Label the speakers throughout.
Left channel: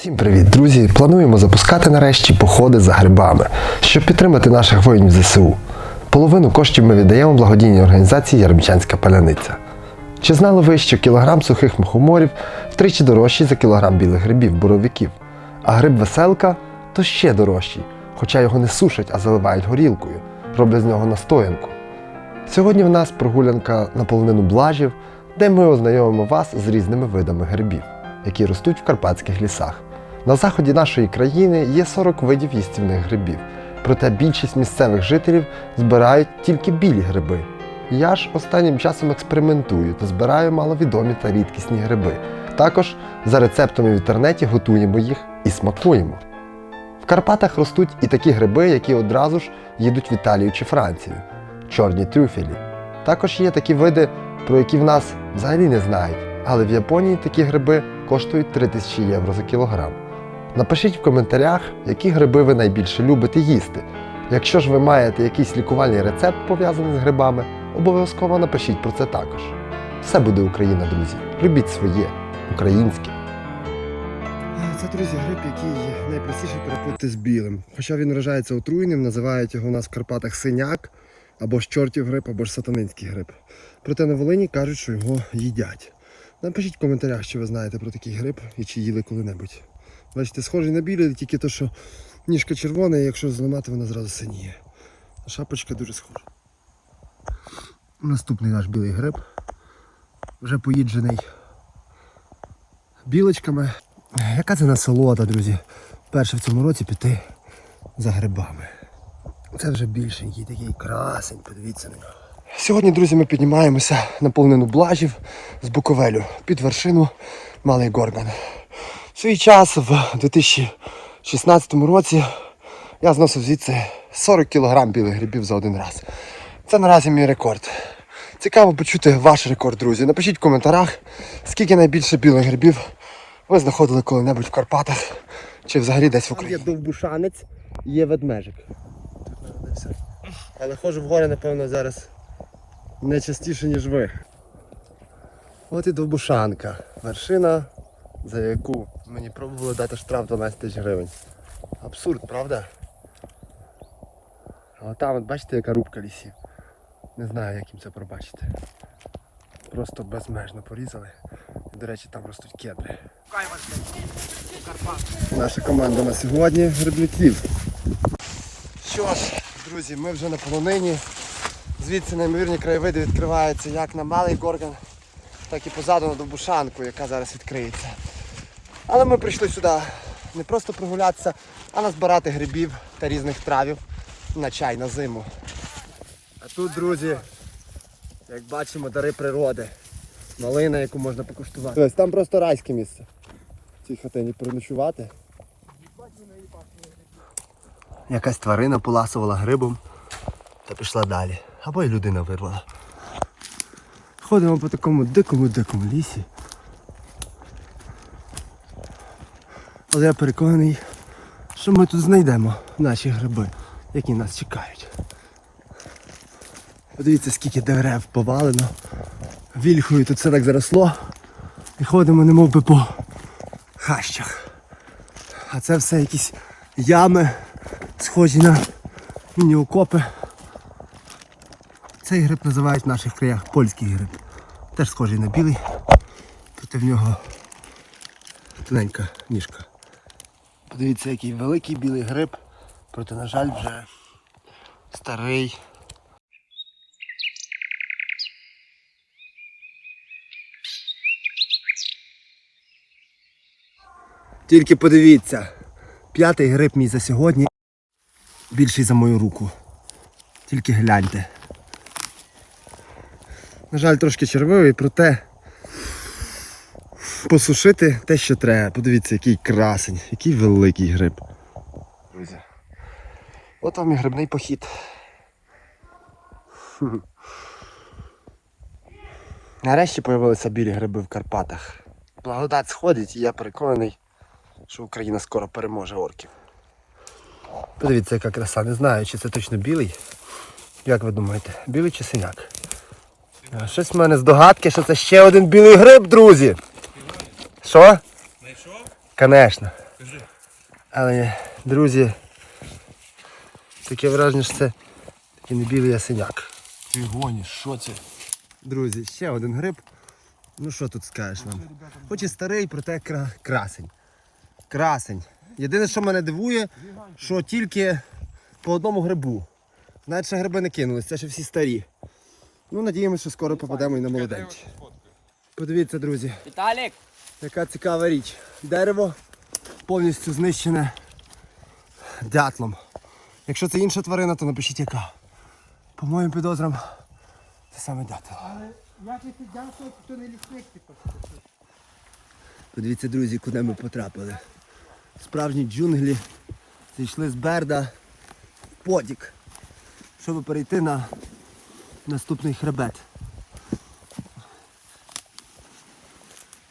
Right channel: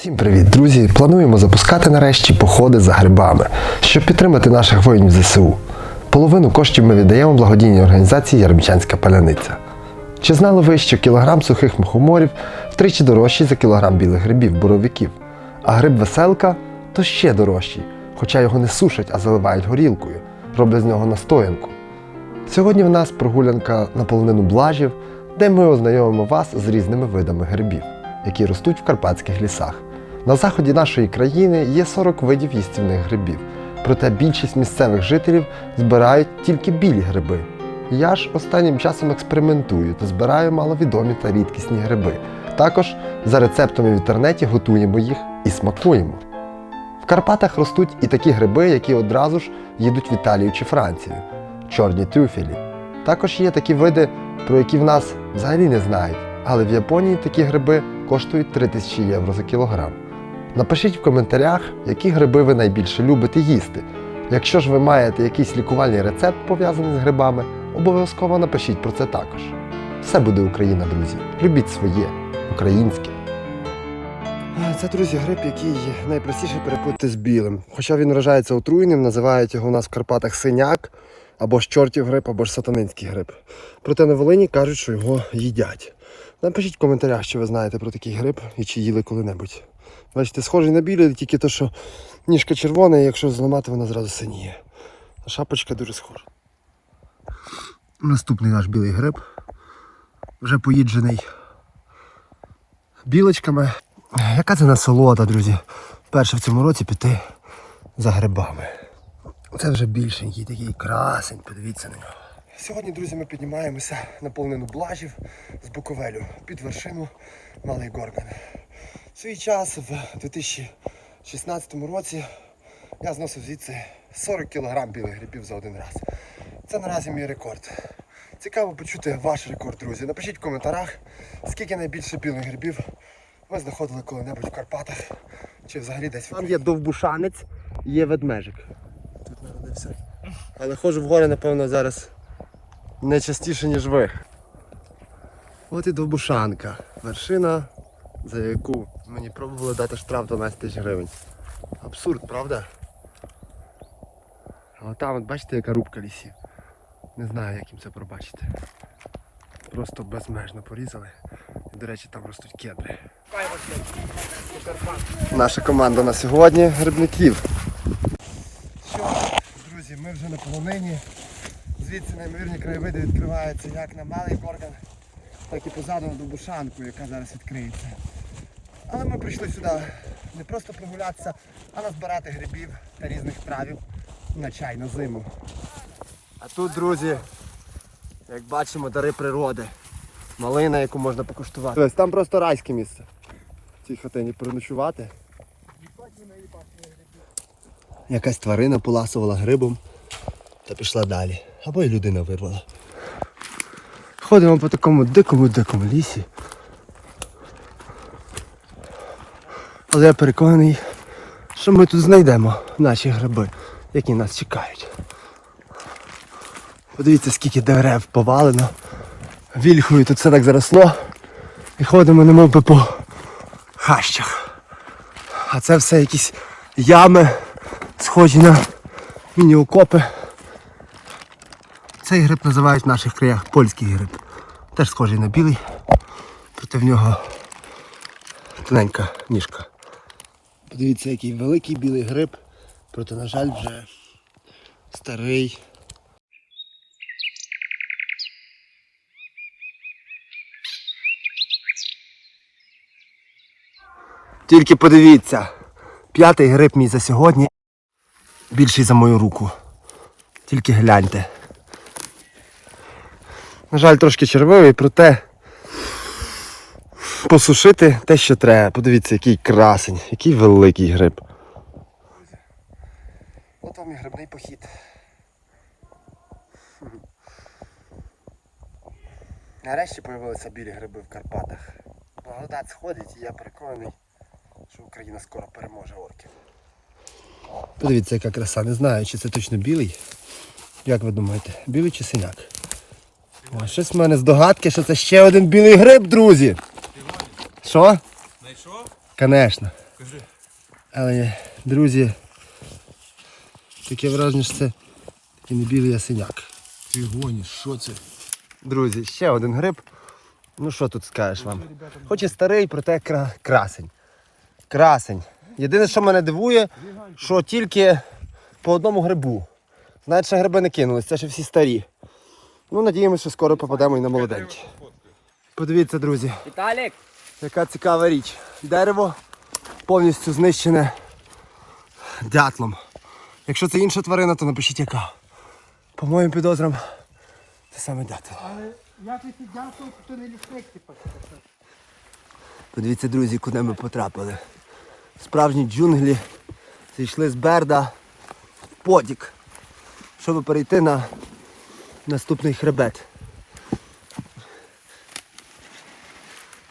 Speaker 1: Всім привіт, друзі! Плануємо запускати нарешті походи за грибами, щоб підтримати наших воїнів ЗСУ. Половину коштів ми віддаємо благодійній організації Яремчанська паляниця. Чи знали ви, що кілограм сухих мухоморів втричі дорожчий за кілограм білих грибів, буровиків, а гриб веселка то ще дорожчий, хоча його не сушать, а заливають горілкою, роблять з нього настоянку. Сьогодні в нас прогулянка на полонину блажів, де ми ознайомимо вас з різними видами грибів, які ростуть в карпатських лісах. На заході нашої країни є 40 видів їстівних грибів, проте більшість місцевих жителів збирають тільки білі гриби. Я ж останнім часом експериментую та збираю маловідомі та рідкісні гриби. Також за рецептами в інтернеті готуємо їх і смакуємо. В Карпатах ростуть і такі гриби, які одразу ж їдуть в Італію чи Францію чорні трюфелі. Також є такі види, про які в нас взагалі не знають, але в Японії такі гриби коштують 3000 євро за кілограм. Напишіть в коментарях, які гриби ви найбільше любите їсти. Якщо ж ви маєте якийсь лікувальний рецепт пов'язаний з грибами, обов'язково напишіть про це також. Все буде Україна, друзі. Любіть своє, українське. Це, друзі, гриб, який найпростіше перепутати з білим. Хоча він вважається отруєним, називають його у нас в Карпатах синяк, або ж чортів гриб, або ж сатанинський гриб. Проте на Волині кажуть, що його їдять. Напишіть в коментарях, що ви знаєте про такий гриб і чи їли коли-небудь. Бачите, схожий на білий, тільки то, що ніжка червона, і якщо зламати, вона зразу синіє. А шапочка дуже схожа. Наступний наш білий гриб. Вже поїджений білочками. Яка це насолода, друзі? Перше в цьому році піти за грибами. Це вже більшенький такий красень, подивіться на нього. Сьогодні, друзі, ми піднімаємося на повнину блажів з Буковелю під вершину Малий Горган. Свій час, в 2016 році, я зносив звідси 40 кг білих грибів за один раз. Це наразі мій рекорд. Цікаво почути ваш рекорд, друзі. Напишіть в коментарях, скільки найбільше білих грибів ви знаходили коли-небудь в Карпатах чи взагалі десь в Україні. Є довбушанець, є ведмежик. Тут народився. Але ходжу в гори, напевно, зараз не частіше, ніж ви. От і довбушанка. Вершина, за яку мені пробували дати штраф 12 тисяч гривень. Абсурд, правда? А там, от бачите, яка рубка лісів. Не знаю, як їм це пробачити. Просто безмежно порізали. До речі, там ростуть кедри. Наша команда на сьогодні грибників. Що ж, друзі, ми вже на полонині. Звідси неймовірні краєвиди відкриваються як на малий горган, так і позаду на Довбушанку, яка зараз відкриється. Але ми прийшли сюди не просто прогулятися, а назбирати грибів та різних травів на чай на зиму. А тут, друзі, як бачимо, дари природи. Малина, яку можна покуштувати. Ось там просто райське місце. В цій хатині переночувати. Якась тварина поласувала грибом та пішла далі. Або й людина вирвала. Ходимо по такому дикому-дикому лісі. Але я переконаний, що ми тут знайдемо наші гриби, які нас чекають. Подивіться, скільки дерев повалено. Вільхою тут все так заросло. І ходимо немов би по хащах. А це все якісь ями, схожі на міні-окопи. Цей гриб називають в наших краях польський гриб. Теж схожий на білий, проте в нього тоненька ніжка. Подивіться, який великий білий гриб, проте, на жаль, вже старий. Тільки подивіться, п'ятий гриб мій за сьогодні більший за мою руку. Тільки гляньте. На жаль, трошки червивий, проте посушити те, що треба. Подивіться, який красень, який великий гриб. Друзі, От вам і грибний похід. Нарешті з'явилися білі гриби в Карпатах. Благодать сходить і я переконаний, що Україна скоро переможе орків. Подивіться, яка краса. Не знаю, чи це точно білий. Як ви думаєте, білий чи синяк? Щось в мене здогадки, що це ще один білий гриб, друзі. Що?
Speaker 2: Знайшов?
Speaker 1: Звісно. Але, друзі, таке враження, що це такий не білий ясеняк.
Speaker 2: Ти гониш, що це?
Speaker 1: Друзі, ще один гриб. Ну що тут скажеш вам? Хоч і старий, проте кра- красень. Красень. Єдине, що мене дивує, що тільки по одному грибу. Навіть ще гриби не кинулись, це ще всі старі. Ну, надіємося, що скоро попадемо і на молоденькі. Подивіться, друзі,
Speaker 3: Віталік!
Speaker 1: Яка цікава річ. Дерево повністю знищене дятлом. Якщо це інша тварина, то напишіть яка. По моїм підозрам, це саме дятел.
Speaker 2: Але як ви дякую, то не лісник, типу.
Speaker 1: Подивіться, друзі, куди ми потрапили. Справжні джунглі зійшли з Берда в потік, щоб перейти на наступний хребет.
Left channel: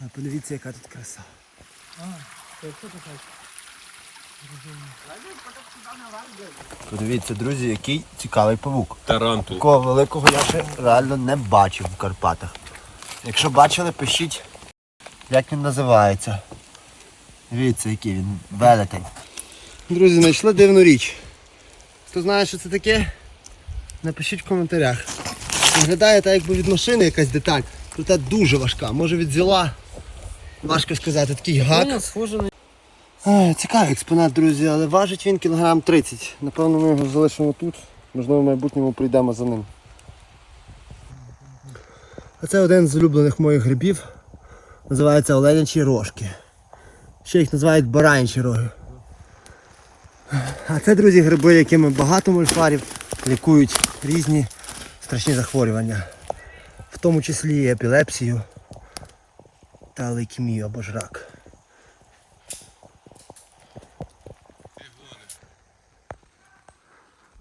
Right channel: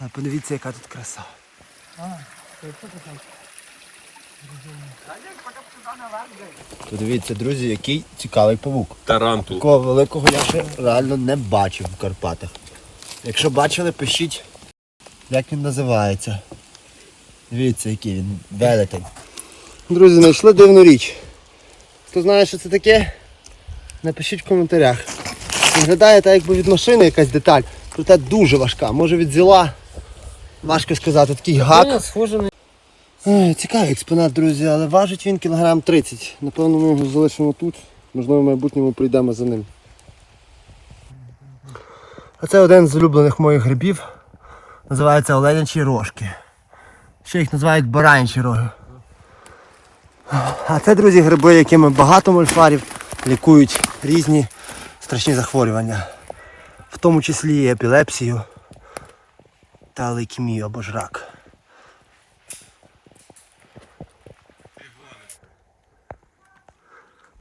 Speaker 1: А подивіться, яка тут краса. Подивіться, друзі, який цікавий павук.
Speaker 3: Тарантул.
Speaker 1: Такого великого я ще реально не бачив в Карпатах. Якщо бачили, пишіть, як він називається. Дивіться, який він велетень. Друзі, знайшли дивну річ. Хто знає, що це таке? Напишіть в коментарях. Виглядає так, якби від машини якась деталь. Проте дуже важка. Може від зіла. Важко сказати, такий гак.
Speaker 3: схоже на...
Speaker 1: Цікавий експонат, друзі, але важить він кілограм 30. Напевно, ми його залишимо тут. Можливо, в майбутньому прийдемо за ним. А це один з улюблених моїх грибів. Називається оленячі рожки. Ще їх називають баранячі роги. А це, друзі, гриби, якими багато мольфарів лікують різні страшні захворювання. В тому числі і епілепсію та лейкемію або ж.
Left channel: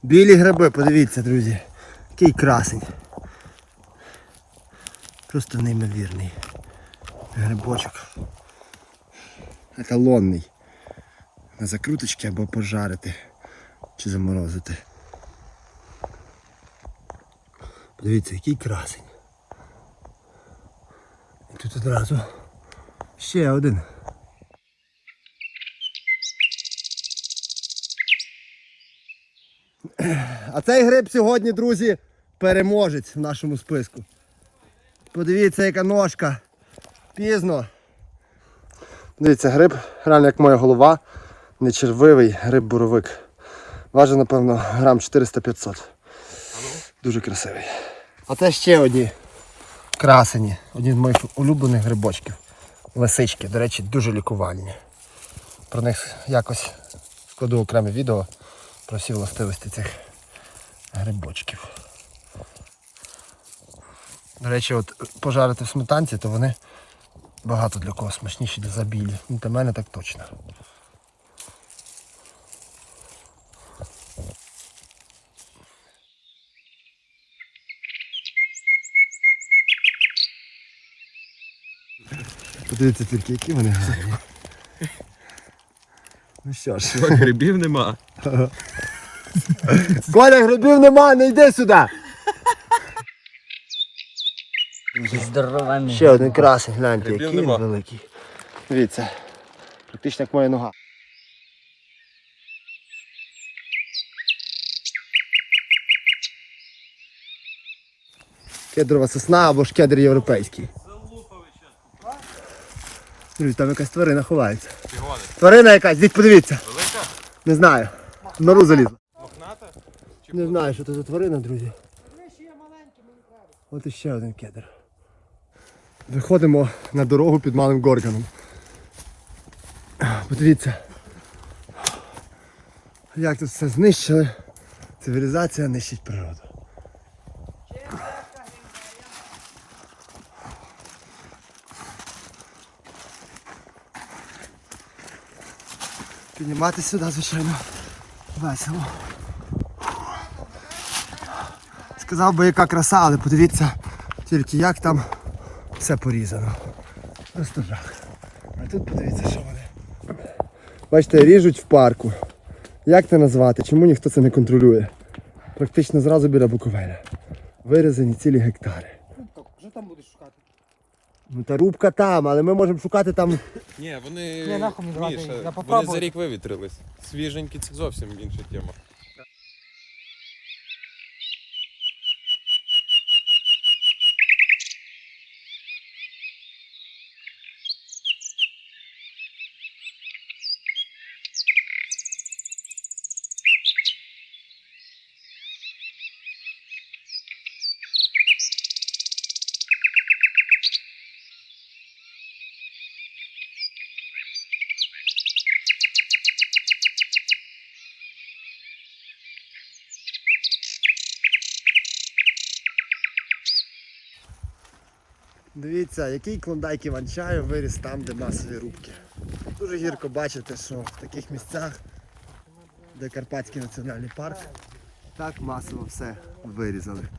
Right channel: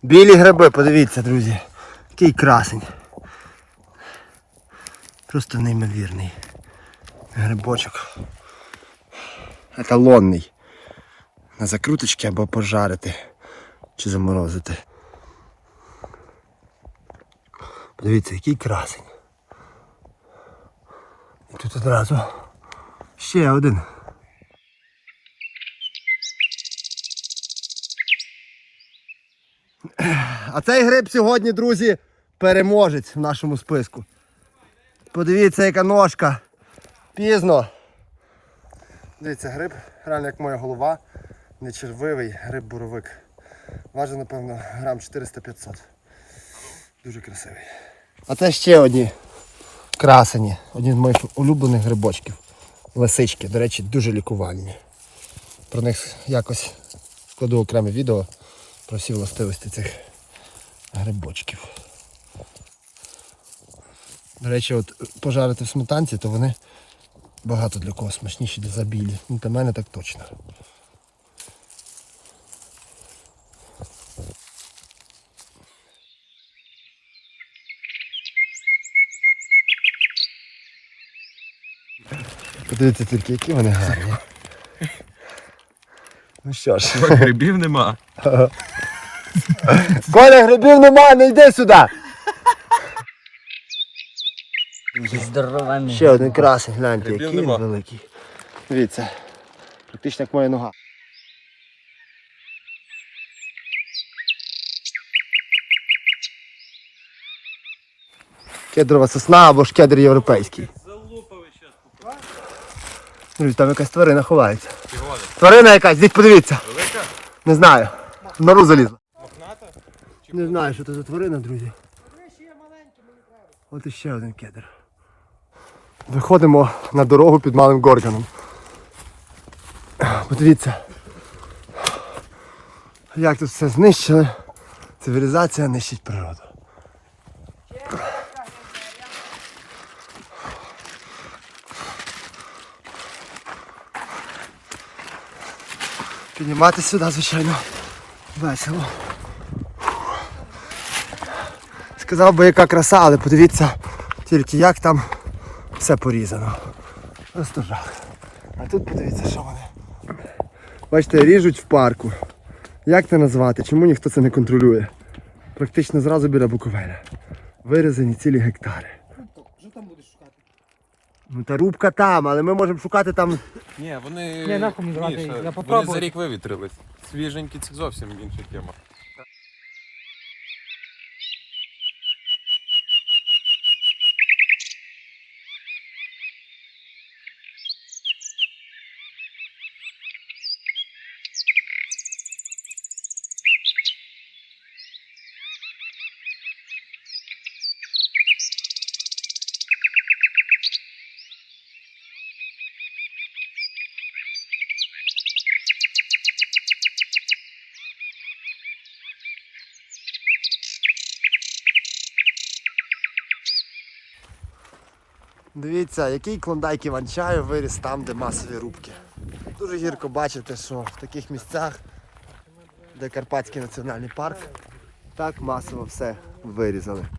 Speaker 1: Білі гриби, подивіться, друзі. Який красень. Просто неймовірний. Грибочок. Еталонний. На закруточки або пожарити. Чи заморозити. Подивіться, який красень. І тут одразу ще один. А цей гриб сьогодні, друзі, переможець в нашому списку. Подивіться, яка ножка. Пізно. Дивіться, гриб, реально як моя голова. Не червивий гриб-буровик. Важить, напевно, грам 400-500. Дуже красивий. А це ще одні красені. Одні з моїх улюблених грибочків. Лисички, до речі, дуже лікувальні. Про них якось складу окреме відео про всі властивості цих грибочків. До речі, от пожарити в сметанці, то вони багато для кого смачніші для забілі. Ну, для мене так точно. Подивіться тільки, які вони гарні. Ну що ж.
Speaker 3: Грибів нема.
Speaker 1: Коля, грибів нема, не йди сюди!
Speaker 3: Здоровенний.
Speaker 1: Ще один красень, гляньте,
Speaker 3: Грибів
Speaker 1: який він
Speaker 3: нема.
Speaker 1: великий. Дивіться, практично як моя нога. Кедрова сосна або ж кедр європейський. Друзі, там якась тварина ховається. Тварина якась, діть подивіться.
Speaker 3: Велика?
Speaker 1: Не знаю. В нору залізла. Не знаю, що це за тварина, друзі. От іще один кедр. Виходимо на дорогу під малим горганом. Подивіться. Як тут все знищили. Цивілізація нищить природу. Підніматися сюди, звичайно, весело. Сказав би, яка краса, але подивіться тільки як там все порізано. Просто жах. А тут подивіться, що вони. Бачите, ріжуть в парку. Як це назвати? Чому ніхто це не контролює? Практично зразу біля Буковеля. Вирізані цілі гектари.
Speaker 2: Що там будеш шукати?
Speaker 1: Ну та рубка там, але ми можемо шукати там.
Speaker 4: Ні, вони
Speaker 2: Ні, нахуй мені давати,
Speaker 4: Міша,
Speaker 2: я
Speaker 4: вони
Speaker 2: попробую.
Speaker 4: за рік вивітрились. Свіженькі це зовсім інша тема.
Speaker 1: Дивіться, який клондайк Іван-чаю виріс там, де масові рубки. Дуже гірко бачити, що в таких місцях, де Карпатський національний парк, так масово все вирізали.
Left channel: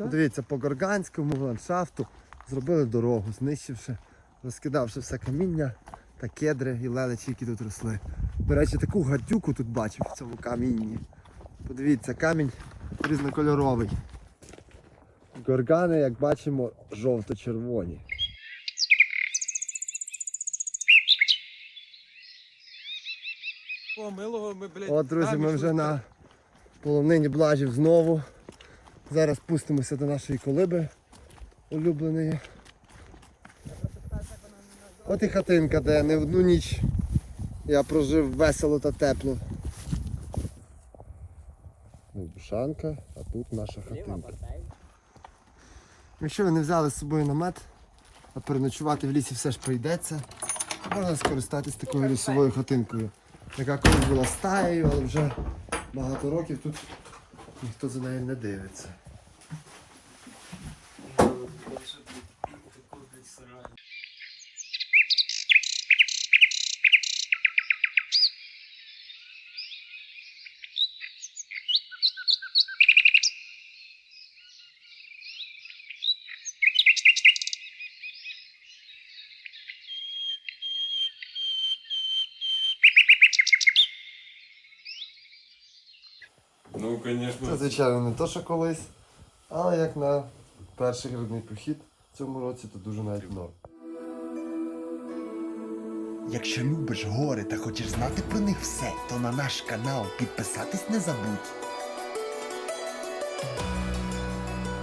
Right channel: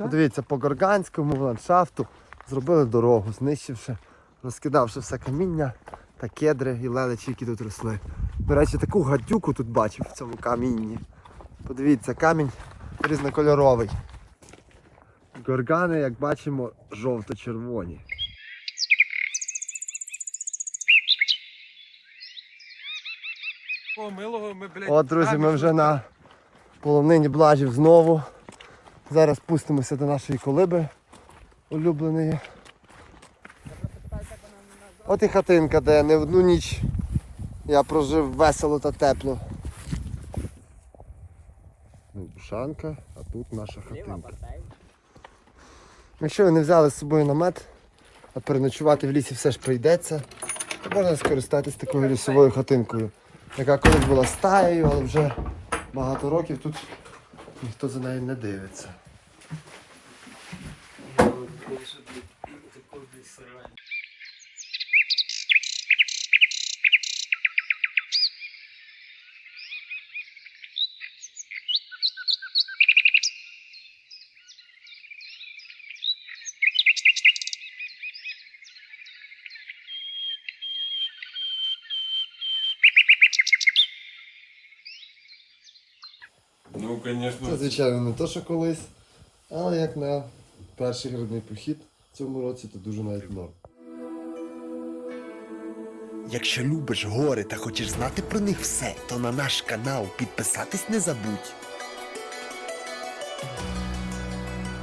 Speaker 1: Дивіться, по горганському ландшафту зробили дорогу, знищивши, розкидавши все каміння та кедри і лелечі, які тут росли. До речі, таку гадюку тут бачив в цьому камінні. Подивіться, камінь різнокольоровий. Горгани, як бачимо, жовто-червоні. От, друзі, ми вже на полонині блажів знову. Зараз спустимося до нашої колиби улюбленої. От і хатинка, де не одну ніч я прожив весело та тепло. Бушанка, а тут наша хатинка. Якщо ви не взяли з собою намет, а переночувати в лісі все ж прийдеться, то можна скористатись такою лісовою хатинкою, яка колись була стаєю, але вже багато років тут ніхто за нею не дивиться.
Speaker 4: Ну,
Speaker 1: Це,
Speaker 4: звісно.
Speaker 1: звичайно, не то, що колись, але як на перший грибний похід в цьому році, то дуже навіть норм.
Speaker 5: Якщо любиш гори та хочеш знати про них все, то на наш канал підписатись не забудь.